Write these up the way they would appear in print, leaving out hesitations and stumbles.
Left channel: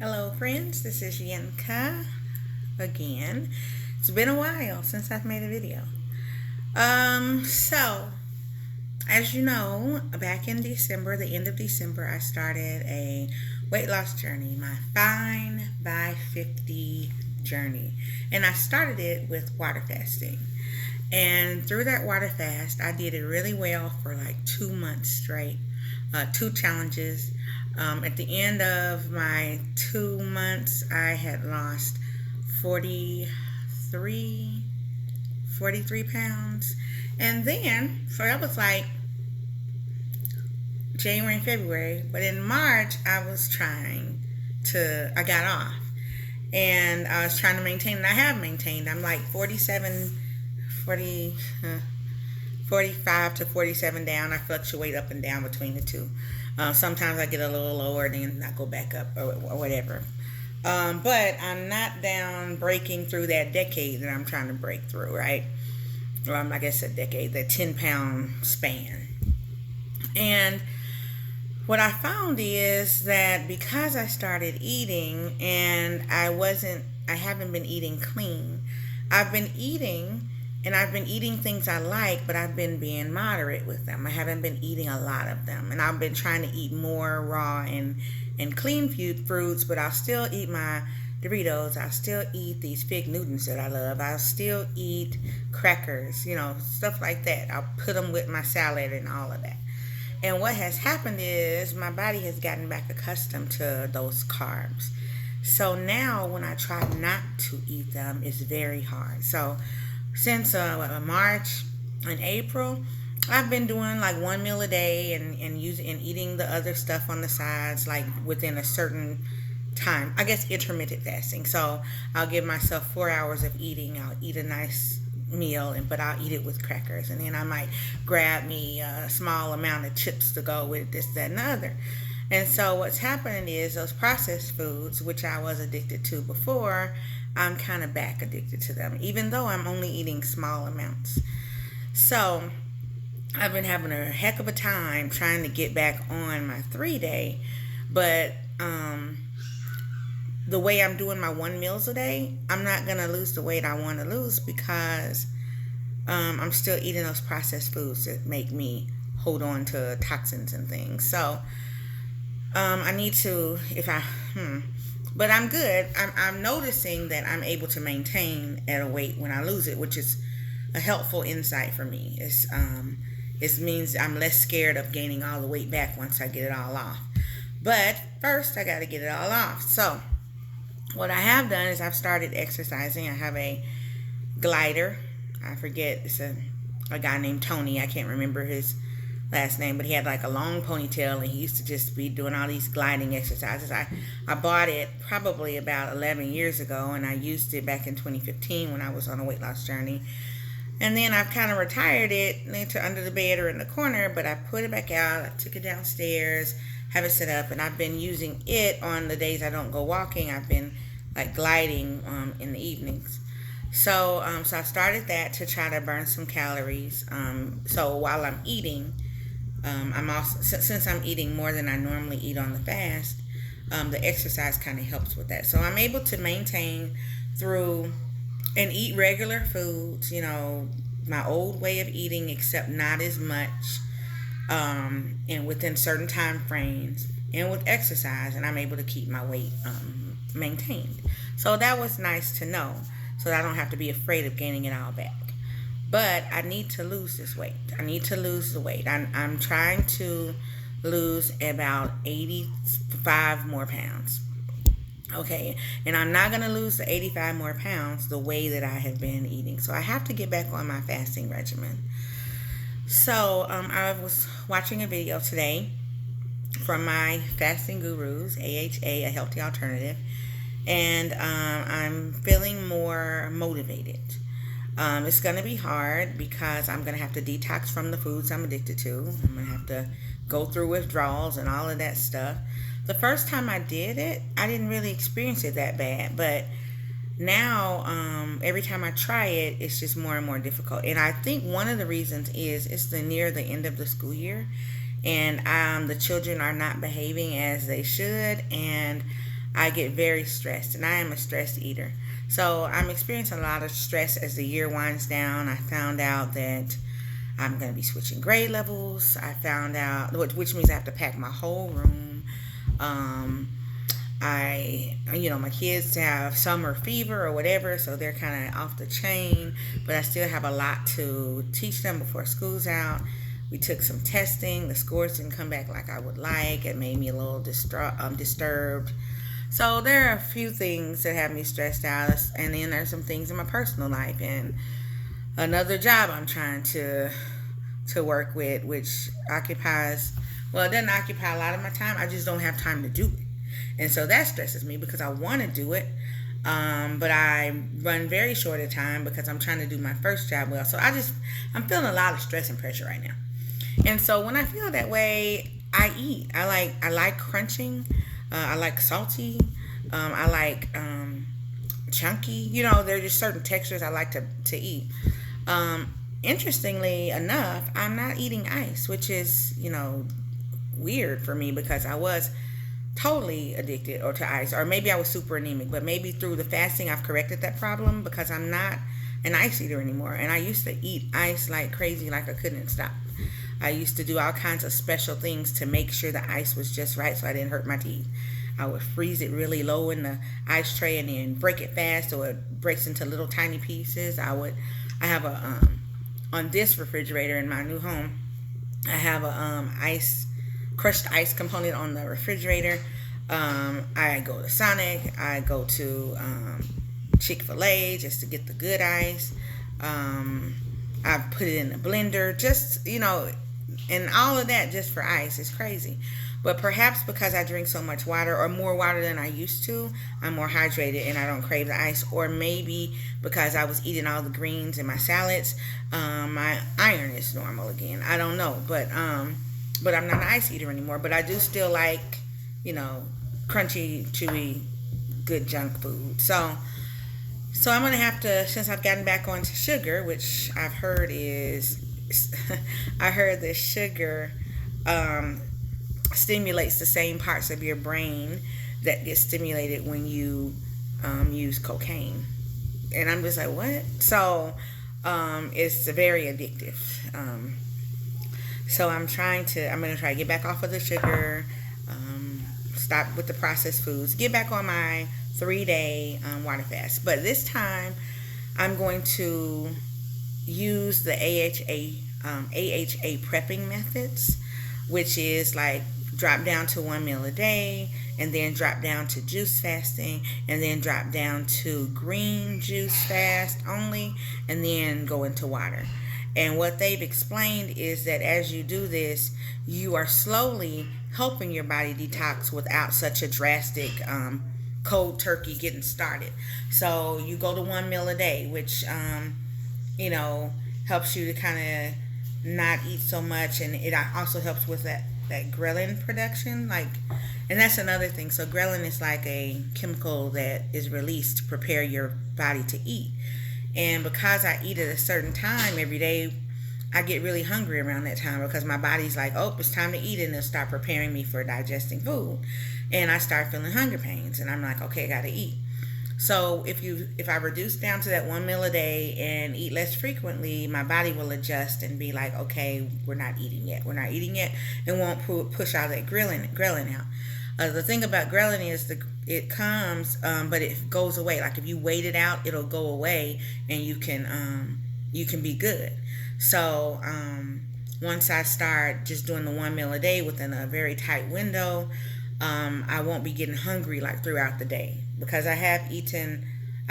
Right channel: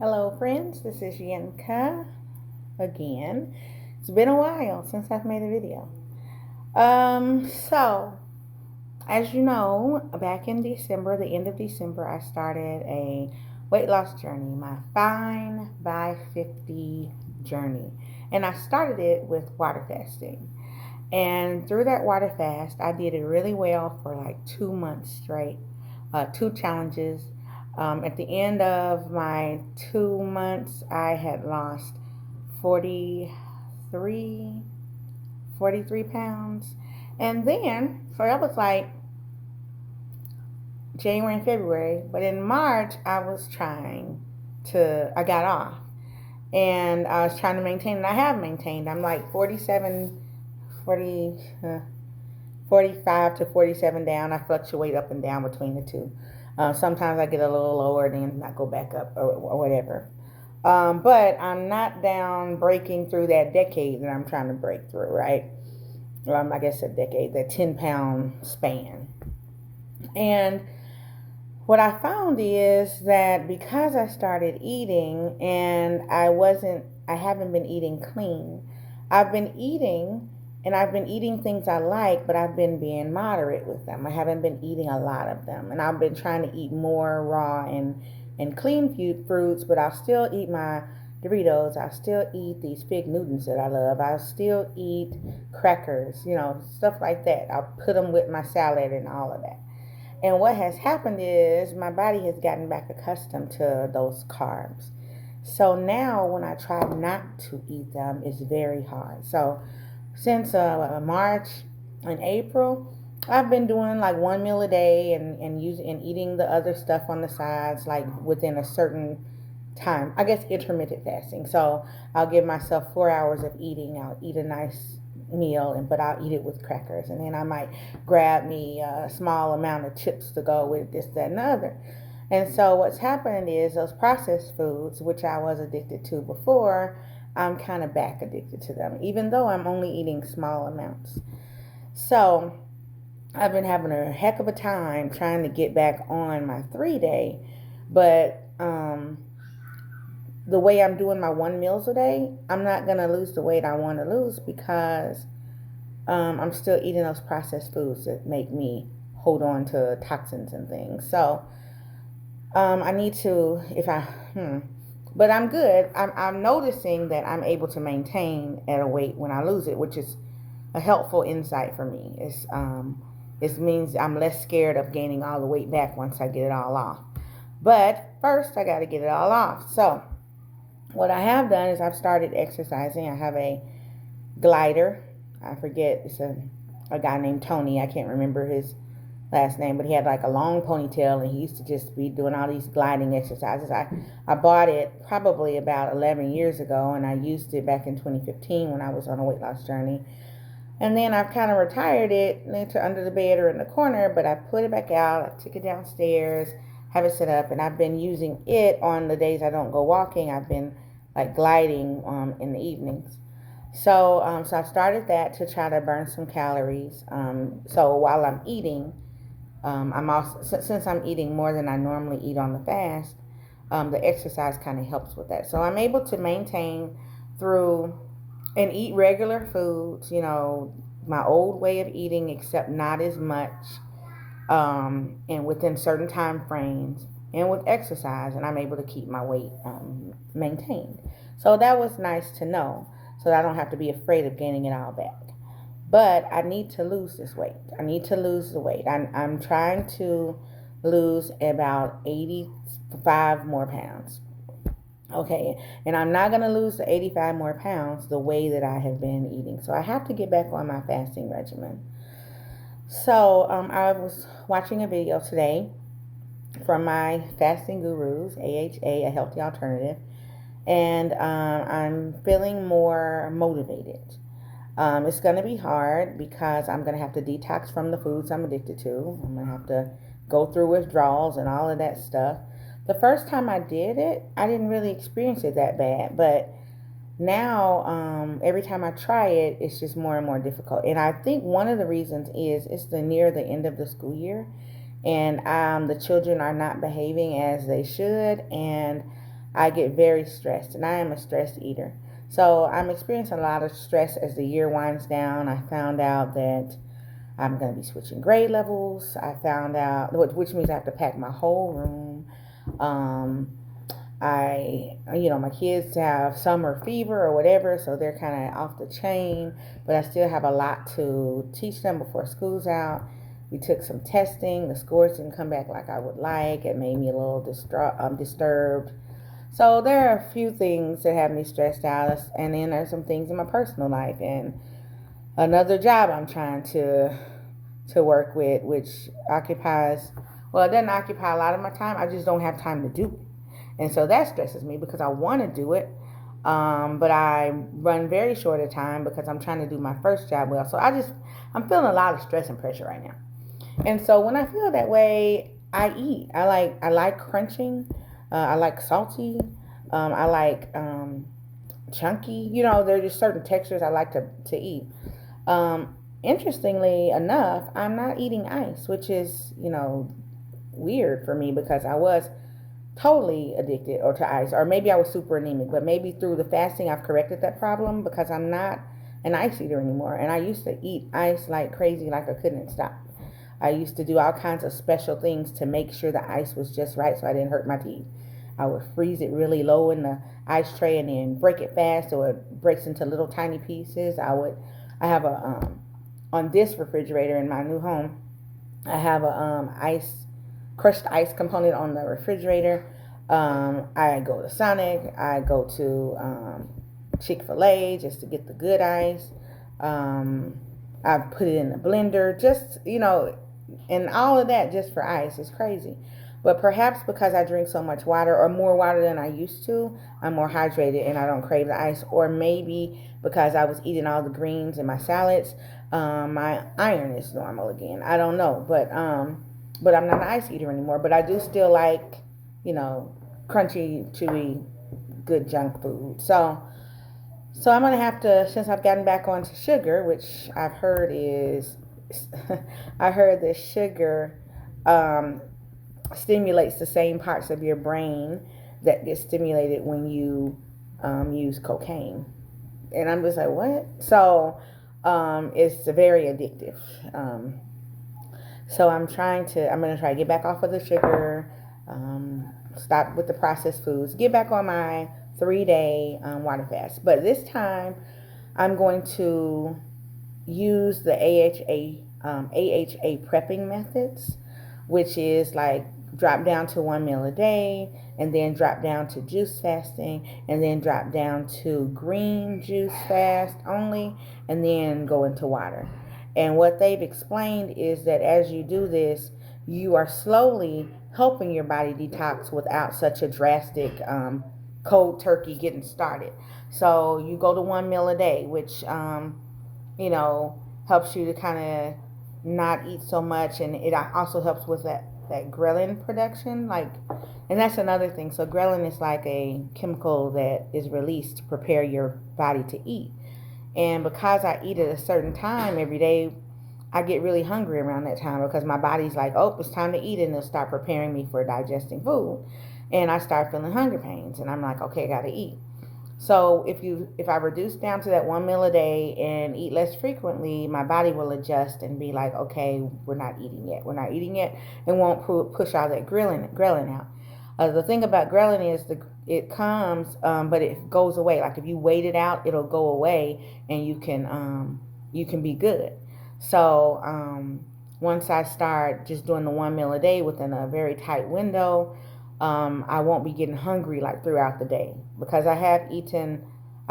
Hello, friends. This is Yenka again. It's been a while since I've made a video. So as you know, back in December, the end of December, I started a weight loss journey, my Fine by 50 journey, and I started it with water fasting. And through that water fast, I did it really well for like 2 months straight, two challenges. At the end of my 2 months, I had lost 43, 43 pounds. And then, so that was like January and February. But in March, I got off. And I was trying to maintain, and I have maintained. I'm like 47, 40, 45 to 47 down. I fluctuate up and down between the two. Sometimes I get a little lower, then I go back up or whatever. But I'm not down breaking through that decade that I'm trying to break through, right? I guess a decade, that 10-pound span. And what I found is that because I started eating and I haven't been eating clean. I've been eating and I've been eating things I like, but I've been being moderate with them. I haven't been eating a lot of them. And I've been trying to eat more raw and clean fruits, but I'll still eat my Doritos. I'll still eat these fig Newtons that I love. I'll still eat crackers, stuff like that. I'll put them with my salad and all of that. And what has happened is my body has gotten back accustomed to those carbs. So now when I try not to eat them, it's very hard. So since March and April, I've been doing like one meal a day and eating the other stuff on the sides, like within a certain time. I guess intermittent fasting. So I'll give myself 4 hours of eating. I'll eat a nice meal, but I'll eat it with crackers, and then I might grab me a small amount of chips to go with this, that, and the other. And so what's happening is those processed foods, which I was addicted to before, I'm kind of back addicted to them, even though I'm only eating small amounts. So I've been having a heck of a time trying to get back on my 3 day, but the way I'm doing my 1 meals a day, I'm not going to lose the weight I want to lose because I'm still eating those processed foods that make me hold on to toxins and things. So I need to, but I'm good. I'm noticing that I'm able to maintain at a weight when I lose it, which is a helpful insight for me. It means I'm less scared of gaining all the weight back once I get it all off. But first, I got to get it all off. So what I have done is I've started exercising. I have a glider. I forget, it's a guy named Tony. I can't remember his last name, but he had like a long ponytail and he used to just be doing all these gliding exercises. I bought it probably about 11 years ago, and I used it back in 2015 when I was on a weight loss journey. And then I've kind of retired it into under the bed or in the corner, but I put it back out. I took it downstairs, have it set up, and I've been using it on the days I don't go walking. I've been like gliding in the evenings. So I've started that to try to burn some calories. So while I'm eating, I'm also, since I'm eating more than I normally eat on the fast, the exercise kind of helps with that. So I'm able to maintain through and eat regular foods, my old way of eating, except not as much, and within certain time frames, and with exercise, and I'm able to keep my weight maintained. So that was nice to know, so that I don't have to be afraid of gaining it all back. But I need to lose this weight. I need to lose the weight. I'm trying to lose about 85 more pounds. Okay, and I'm not going to lose the 85 more pounds the way that I have been eating. So I have to get back on my fasting regimen. So I was watching a video today from my fasting gurus, AHA, A Healthy Alternative, and I'm feeling more motivated. It's going to be hard because I'm going to have to detox from the foods I'm addicted to. I'm going to have to go through withdrawals and all of that stuff. The first time I did it, I didn't really experience it that bad, but now every time I try it, it's just more and more difficult. And I think one of the reasons is it's near the end of the school year, and the children are not behaving as they should, and I get very stressed, and I am a stress eater. So I'm experiencing a lot of stress as the year winds down. I found out that I'm going to be switching grade levels. I found out, which means I have to pack my whole room. Um, my kids have summer fever or whatever, so they're kind of off the chain, but I still have a lot to teach them before school's out. We took some testing. The scores didn't come back like I would like. It made me a little disturbed. So there are a few things that have me stressed out, and then there's some things in my personal life and another job I'm trying to work with, which occupies, well, it doesn't occupy a lot of my time. I just don't have time to do it. And so that stresses me because I want to do it. But I run very short of time because I'm trying to do my first job well. So I'm feeling a lot of stress and pressure right now. And so when I feel that way, I eat. I like crunching. I like salty. I like chunky. There are just certain textures I like to eat. Interestingly enough, I'm not eating ice, which is, weird for me because I was totally addicted or to ice, or maybe I was super anemic, but maybe through the fasting I've corrected that problem because I'm not an ice eater anymore. And I used to eat ice like crazy, like I couldn't stop. I used to do all kinds of special things to make sure the ice was just right so I didn't hurt my teeth. I would freeze it really low in the ice tray and then break it fast so it breaks into little tiny pieces. I have a on this refrigerator in my new home, I have a crushed ice component on the refrigerator. I go to Sonic. I go to Chick-fil-A just to get the good ice. I put it in the blender, just, and all of that just for ice. It's crazy. But perhaps because I drink so much water, or more water than I used to, I'm more hydrated and I don't crave the ice. Or maybe because I was eating all the greens in my salads, my iron is normal again. I don't know, but I'm not an ice eater anymore. But I do still like, crunchy, chewy, good junk food. So I'm gonna have to, since I've gotten back onto sugar, which I've heard is, I heard that sugar stimulates the same parts of your brain that get stimulated when you use cocaine. And I'm just like, what? So it's very addictive. So I'm going to try to get back off of the sugar, stop with the processed foods, get back on my 3-day water fast. But this time I'm going to use the AHA prepping methods, which is like drop down to 1 meal a day, and then drop down to juice fasting, and then drop down to green juice fast only, and then go into water. And what they've explained is that as you do this, you are slowly helping your body detox without such a drastic cold turkey getting started. So you go to 1 meal a day, which helps you to kind of not eat so much, and it also helps with that ghrelin production, and that's another thing. So ghrelin is like a chemical that is released to prepare your body to eat. And because I eat at a certain time every day, I get really hungry around that time because my body's like, oh, it's time to eat, and it'll start preparing me for digesting food. And I start feeling hunger pains, and I'm like, okay, I gotta eat. So if I reduce down to that 1 meal a day and eat less frequently, my body will adjust and be like, okay, we're not eating yet, and won't push all that ghrelin out. The thing about ghrelin is it comes, but it goes away. Like if you wait it out, it'll go away, and you can be good. So once I start just doing the 1 meal a day within a very tight window, I won't be getting hungry like throughout the day, because I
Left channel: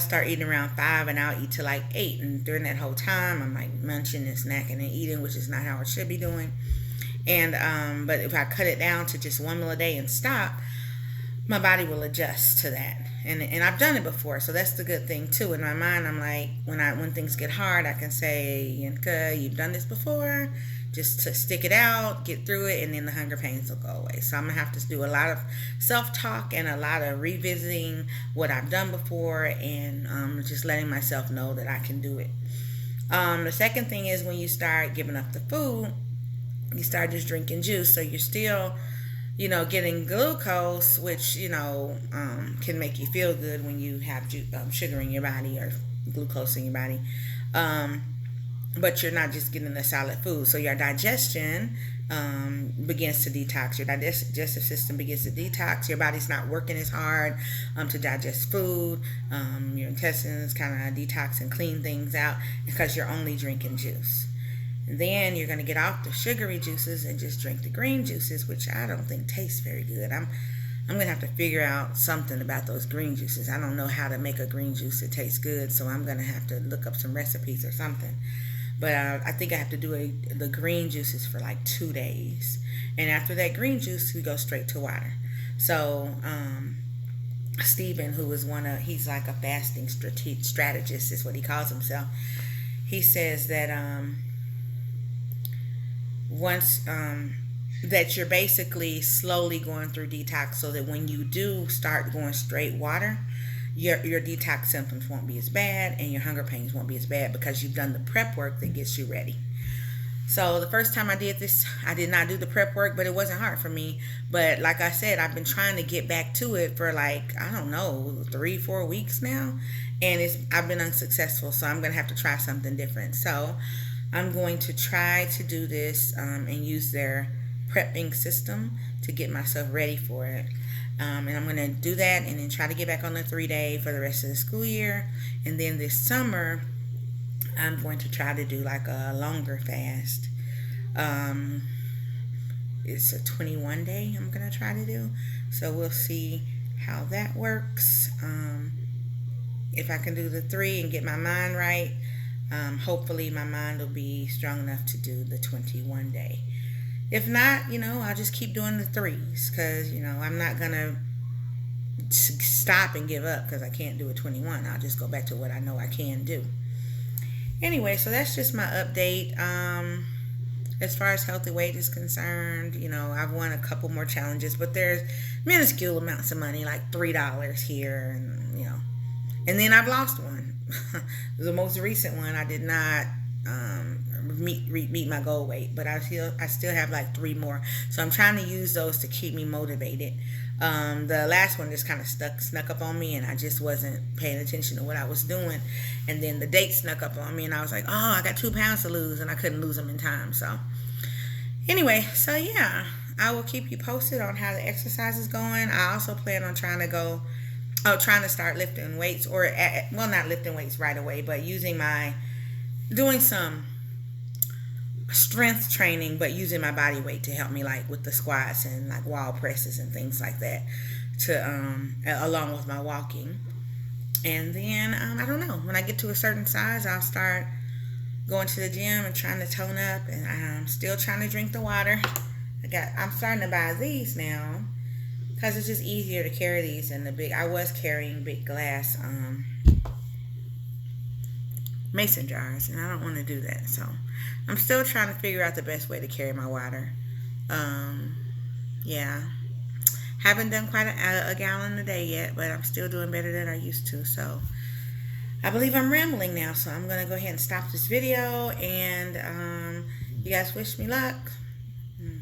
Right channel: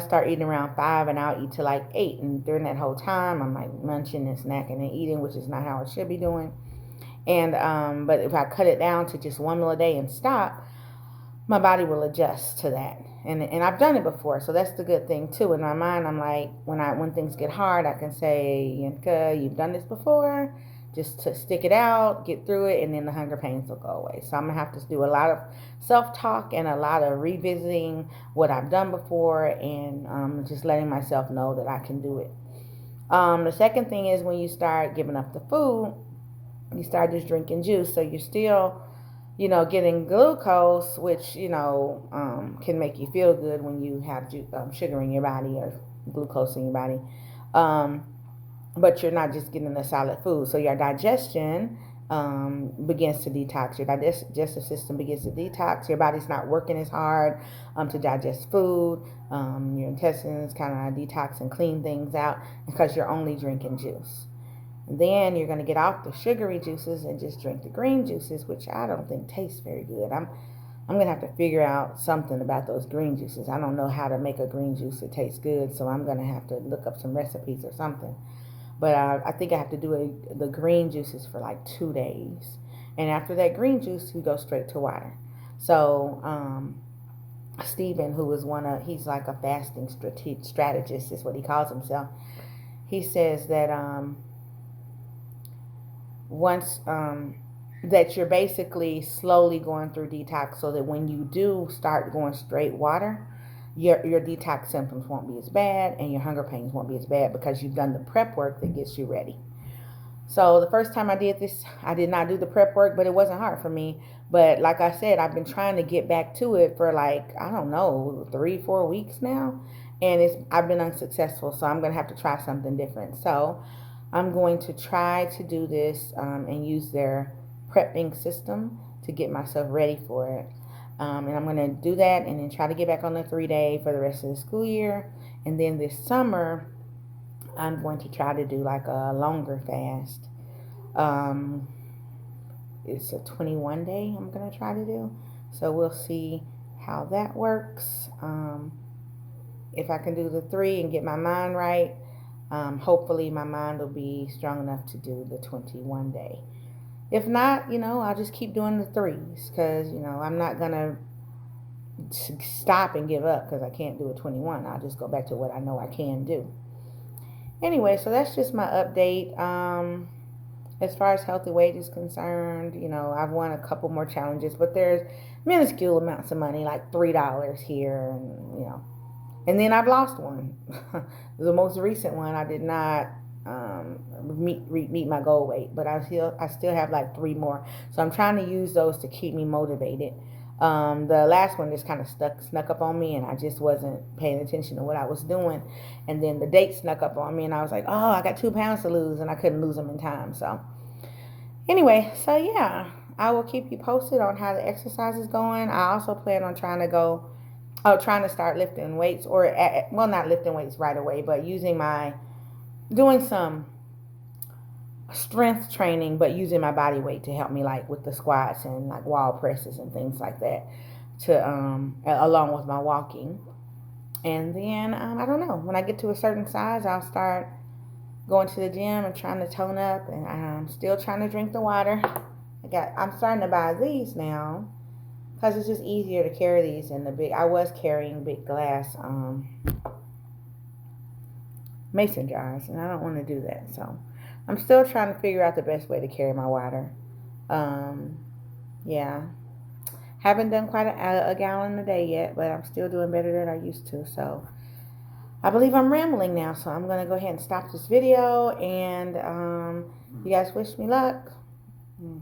start eating around 5 and I'll eat till like 8. And during that whole time, I'm like munching and snacking and eating, which is not how I should be doing. And, but if I cut it down to just 1 meal a day and stop, my body will adjust to that. And I've done it before. So that's the good thing too. In my mind, I'm like, when things get hard, I can say, Yinka, you've done this before. Just to stick it out, get through it, and then the hunger pains will go away. So I'm going to have to do a lot of self-talk and a lot of revisiting what I've done before, and just letting myself know that I can do it. The second thing is when you start giving up the food, you start just drinking juice. So you're still, getting glucose, which, can make you feel good when you have sugar in your body or glucose in your body. Um, but you're not just getting a solid food. So your digestion begins to detox. Your digestive system begins to detox. Your body's not working as hard to digest food. Your intestines kind of detox and clean things out because you're only drinking juice. And then you're going to get off the sugary juices and just drink the green juices, which I don't think tastes very good. I'm going to have to figure out something about those green juices. I don't know how to make a green juice that tastes good, so I'm going to have to look up some recipes or something. But I think I have to do the green juices for like 2 days. And after that green juice, we go straight to water. So, Stephen, who is he's like a fasting strategist, is what he calls himself. He says that once that you're basically slowly going through detox, so that when you do start going straight water, your detox symptoms won't be as bad and your hunger pains won't be as bad because you've done the prep work that gets you ready. So the first time I did this, I did not do the prep work, but it wasn't hard for me. But like I said, I've been trying to get back to it for like, I don't know, 3-4 weeks now. And I've been unsuccessful. So I'm going to have to try something different. So I'm going to try to do this and use their prepping system to get myself ready for it. And I'm going to do that and then try to get back on the 3-day for the rest of the school year. And then this summer, I'm going to try to do like a longer fast. It's a 21-day I'm going to try to do. So we'll see how that works. If I can do the 3 and get my mind right, hopefully my mind will be strong enough to do the 21-day. If not, I'll just keep doing the 3s because, I'm not going to stop and give up because I can't do a 21. I'll just go back to what I know I can do. Anyway, so that's just my update. As far as healthy weight is concerned, I've won a couple more challenges, but there's minuscule amounts of money, like $3 here, and then I've lost one. The most recent one, I did not meet my goal weight, but I still have like 3 more. So I'm trying to use those to keep me motivated. The last one just kind of snuck up on me, and I just wasn't paying attention to what I was doing. And then the date snuck up on me, and I was like, oh, I got 2 pounds to lose, and I couldn't lose them in time. So anyway, so yeah, I will keep you posted on how the exercise is going. I also plan on trying to start lifting weights, not lifting weights right away, but doing some strength training, but using my body weight to help me, like with the squats and like wall presses and things like that, along with my walking. And then I don't know, when I get to a certain size, I'll start going to the gym and trying to tone up. And I'm still trying to drink the water. I'm starting to buy these now because it's just easier to carry these in the big. I was carrying big glass mason jars, and I don't want to do that. So I'm still trying to figure out the best way to carry my water. Yeah. Haven't done quite a gallon a day yet, but I'm still doing better than I used to. So I believe I'm rambling now, so I'm going to go ahead and stop this video. And you guys wish me luck.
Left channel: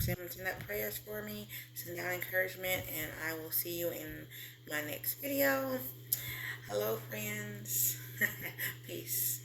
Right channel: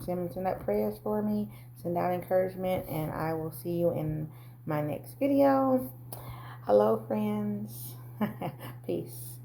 Send up prayers for me. Send out encouragement. And I will see you in my next video. Hello, friends. Peace.